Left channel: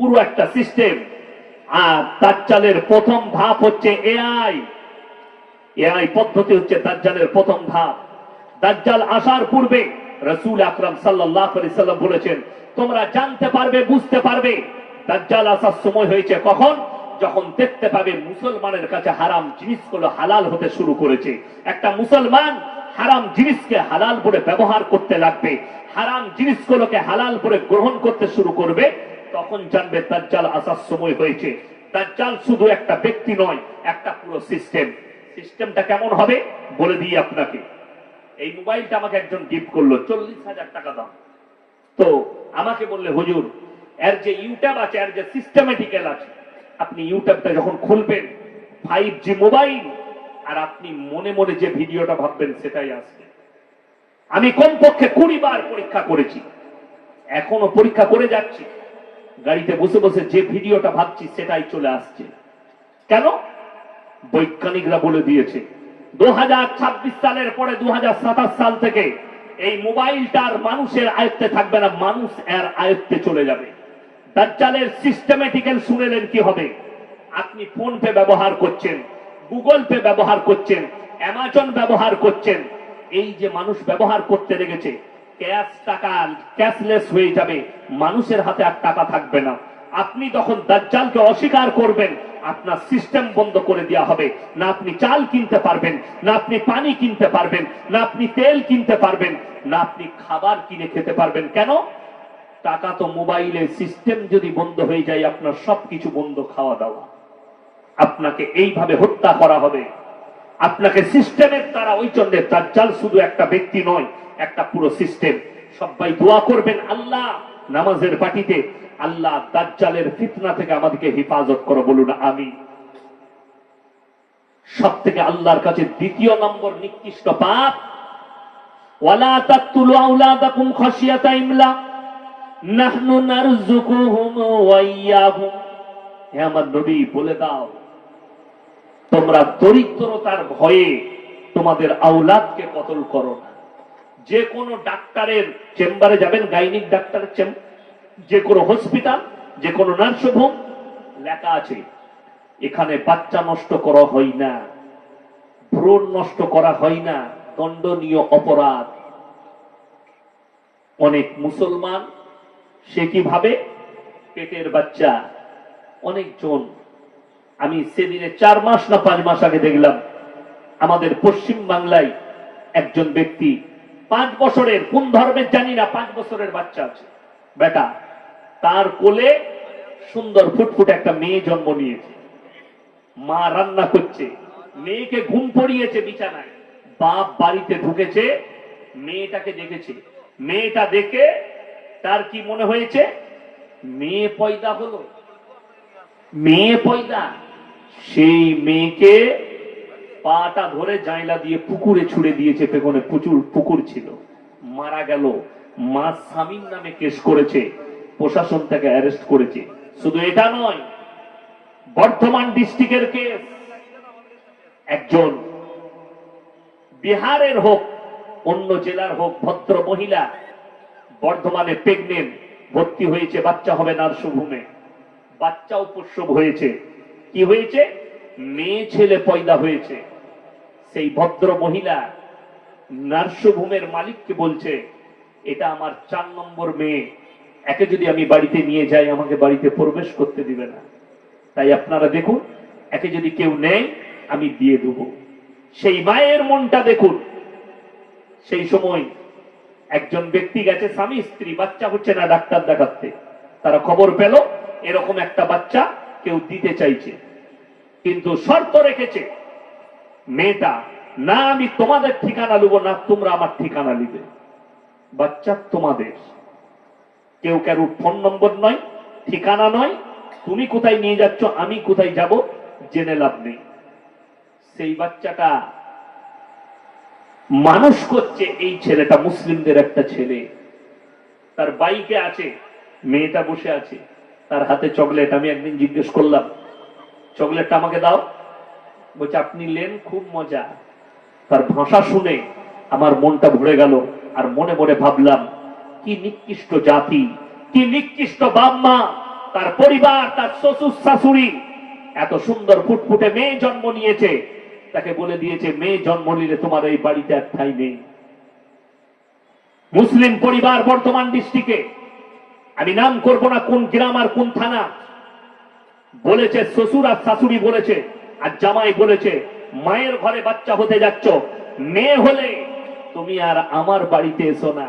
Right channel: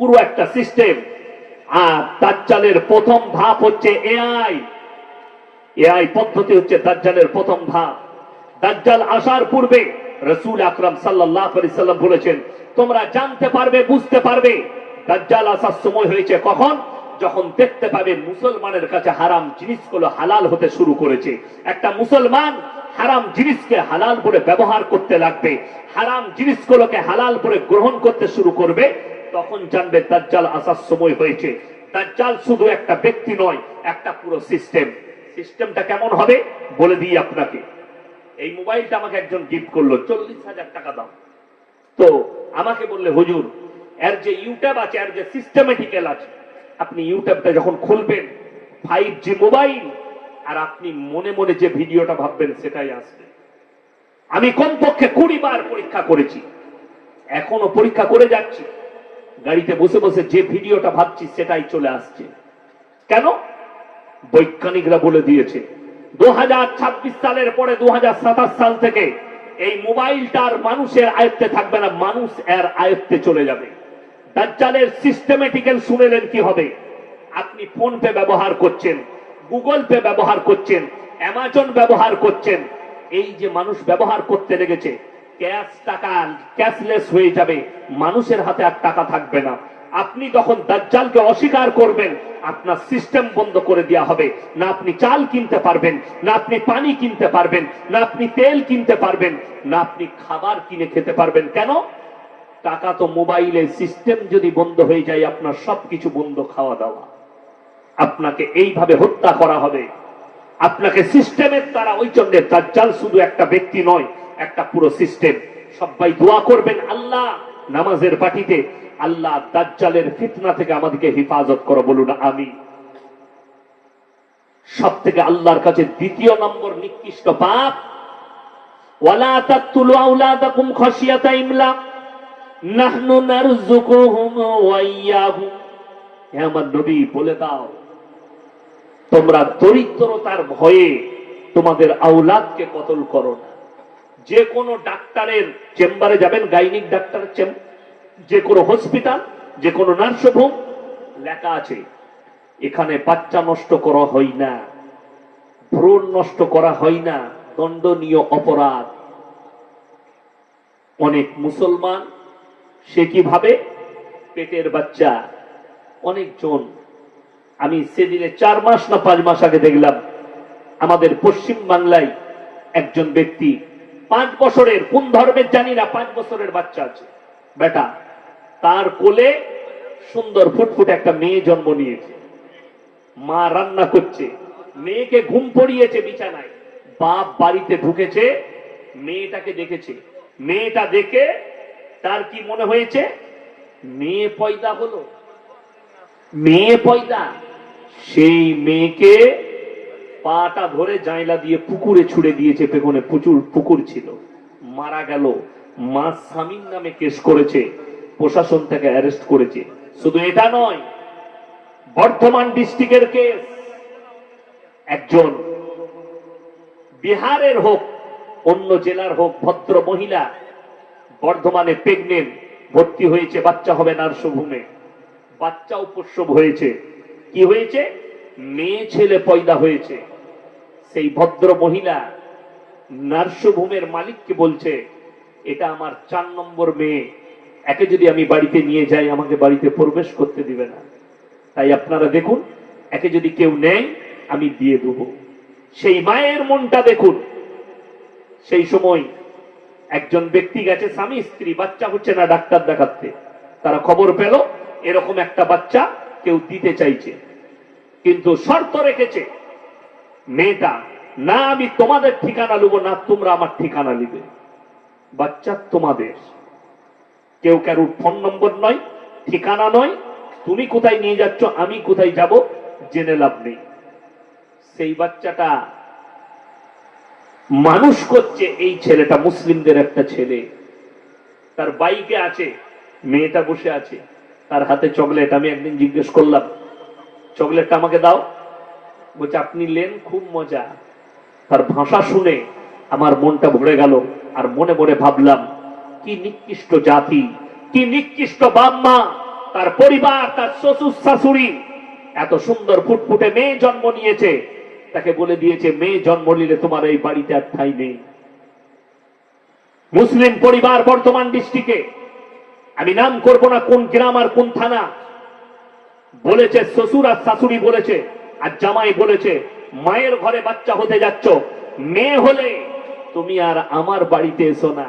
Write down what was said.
পুরো একটা সিস্টেম। আর দাজ্জালের প্রথম ধাপ হচ্ছে এআই। এআই পদ্ধতি হচ্ছে দাজ্জালের প্রথম ধাপ। দাজ্জাল আসার পূর্বে রসুল আকরাম সাল্লাল্লাহু আলাইহি সাল্লাম বলেছেন, তোমরা জানতে পারবে, বুঝতে পারবে, দাজ্জাল আসার সময় হয়েছে কখন? যখন দেখতে পাবে মুসলমানের কাছে হারাম জিনিসগুলো হালাল হতে শুরু করেছে। একটা মুসলমান হারাম জিনিসকে হালাল করে ব্যবহার করতে লাগবে, হারাম জিনিসগুলোকে হালাল করে গ্রহণ করতে শুরু করবে তখন জানবে দাজ্জাল আসার সময় হয়েছে। তার দাজ্জাল শুধু একটা ব্যক্তি নয়, একটা পুরো সিস্টেম সিস্টেমটা কেমন হবে? বলে দিই আপনাকে। এই মোবাইলটা আমাকে একজন গিফট করল, চল্লিশ হাজার টাকা দাম। তো আমাকে বললে, হুজুর, এর যে ইউটিউব আছে, এর যে সিস্টেমেটিক্যাল আছে, আপনি ইউটিউবটা যখন খুলবেন ফাইভ জি মোবাইল, আর আপনি মনে মনে যে ভিডিওটা ভাববেন, সেটাই আসবে। আমি কমপক্ষে কুড়ি বার পরীক্ষা করেছি। এখনও পরীক্ষা করে যাচ্ছি। গাড়িতে বসে বসে যে ভিডিওটা ভাবছি সেটাই চলে আসছে। কেন? বৈজ্ঞানিকরা বলে দিয়েছে দু হাজার ছাব্বিশ সালের পরে দুহাজার সাতাশ সাল থেকে এই মোবাইলটার মানুষের আয়ত্তে থাকবে না, মানুষ এর আয়ত্তে চলে যাবে। দাজ্জালের সিস্টেমেটিক্যাল শুনেলেন কি হবে? আপনি ফোন পে ব্যবহার করছেন, গুগল পে ব্যবহার করছেন, অ্যামাজন ব্যবহার করছেন, এই যে মানুষ ব্যবহার করতে লেগেছে ক্যাশ টাকা ক্যাশলেস হয়ে যাবে। মানুষের হাতে আর টাকা থাকবে না। আপনি যখন দাজ্জালকে অস্বীকার করবেন, আপনার সিস্টেম বন্ধ করে দেওয়া হবে। না আপনি চাল কিনতে পারবেন, না আপনি পানি কিনতে পারবেন, না আপনি তেল কিনতে পারবেন, না আপনি খাবার কিনে খেতে পারবেন। কেন? টাকা তো মোবাইলে সিস্টেম যদি বন্ধ হয়ে যায়, আপনার সবকিছু বন্ধ খাওয়া দাওয়া। আপনাকে এইভাবে হত্যা করা হবে। আপনাকে সিস্টেমের দ্বারা ওই জন্য দাজ্জাল শুধু একটা ব্যক্তি নয়, একটা পুরো সিস্টেম। সবাই দোয়া করবেন আল্লাহ নামাজের পাটিতে আল্লাহ দাজ্জালের ফিতনা থেকে আমাদেরকে হেফাজত করো, বলুন আমি সব থেকে আল্লাহর কাছে দ্বিতীয় নম্বর নিকৃষ্ট পাপ, ওয়ালা তাকতুলু আওলাদাকুম খাশিয়াতা ইমলাক নাহনু নারযুকুহুম ওয়া ইয়াহুম হে আমার নবী, বলে দাও তোমরা দরিদ্রতার ভয়ে তোমাদের আওলাদকে কতল করো না। যে কোনো ডাক্তারের চেম্বারে যাবেন, গাইনিক ডাক্তারের চেম্বার যে কোনো হসপিটাল, যে কোনো নার্সিংহোম লেখা আছে, এখানে বাচ্চা নষ্ট করা হয় না, ভ্রূণ নষ্ট করা হয় না, দণ্ডনীয় অপরাধ। অনেক মুসলমান সে কীভাবে পেটের বাচ্চা, অনেকজন আমি সেদিনে চার মাস না পাঁচ মাস আগে দেখলাম, আমাদের পশ্চিম বাংলায় একজন ব্যক্তি পাঁচ বছরের, কোন ধর্মের জানি না, পাঁচ বছরের বাচ্চা আছে। বেটা, তার কোলে সুন্দর ফুটফুট একটা মেয়ে জন্ম নিয়েছে। মা রান্না করছে, মেয়েকে ঘুম পড়িয়েছে বিছানায়। বাপ বাড়িতে ঢুকেছে, মেয়েটাকে দেখেছে। মেয়েটা দেখে তার কি মনে হয়েছে? মেয়ে পয়দা হলো। মেয়ে পয়দা। সেই মেয়েকে পাটা ধরে জাইলা দিয়ে পুকুরে ছুড়ে দিয়েছে, পেছনে প্রচুর পুকুর ছিল। মারা গেল। মা স্বামীর নামে কেস করেছে। প্রশাসন তাকে অ্যারেস্ট করেছে। শুধু এটা নয়, বর্ধমান ডিস্ট্রিক্টের কেস। একজন বিহারের হোক, অন্য জেলার হোক, ভদ্র মহিলা, বর্ধমানে প্রেগনেন্ট ভর্তি হয়েছে, বাচ্চা হবে নার্সভূমে বাচ্চাও প্রসব হয়েছে। কি হয়েছে? মেয়ে ছেলে পয়দা হয়েছে। সেই ভদ্র মহিলা নার্সভূমের মালিককে বলছে, এটা আমার চার নম্বর মেয়ে। একে যদি আমি বাড়িতে নিয়ে যাই, আমাকে বাড়িতে প্রবেশ করতে দিবে না। তাই আপনারা দেখুন, একে যদি কেউ নেয়, আমি দিয়ে দেব। সেই মায়ের মনটা দেখুন। সেই সময় একজন ব্যক্তি গেছে, স্বামী, স্ত্রী, বাচ্চা হচ্ছে না ডাক্তার দেখাতে। তারা খবর পেল, এরকম একটা বাচ্চা কেউ দিতে চাইছে, কিন্তু শর্ত রেখেছে, মেয়েটা, না, আমি তোমাদের ঠিকানা নেব না, তোমরা আমার ঠিকানা নিবে। বাচ্চা তোমাদের। কেউ কারোর ফোন নম্বর নয়, ঠিকানা নয়, তুমি কোথায় নিয়ে যাচ্ছ, আমি কোথায় যাব, জেনে লাভ নেই। সেই বাচ্চাটা মানুষ করছে, এই ছেলেটা মুসলিমদের একটা ছেলে। তার বাইকে আছে, মেয়েটা বসে আছে। তার হাতে চকলেট আমি একদিন জিজ্ঞেস করলাম চকলেটটা আমাকে দাও? বলছে, আপনি লেন, খুব মজা। তার ভাষা শুনে আমার মনটা ভরে গেল, আর মনে মনে ভাবলাম, কি নিকৃষ্ট জাতি, কি নিকৃষ্ট বাপ মা তার পরিবার, তার শ্বশুর শাশুড়ি, এত সুন্দর ফুটফুটে মেয়ে জন্ম নিয়েছে। তাকে বলে দিয়েছে, মেয়ে জন্ম নিলে তোমার এই বাড়িতে আর ঠাই নেই। মুসলিম পরিবার বর্তমান ডিস্ট্রিক্টে আমি নাম করব না কোন গ্রাম আর কোন থানা। বলেছে শ্বশুর আর শাশুড়ি বলেছে, আর জামাই বলেছে, মায়ের ঘরে বাচ্চা হতে যাচ্ছ, মেয়ে হলে তুমি আর আমার বাড়িতে এসো না।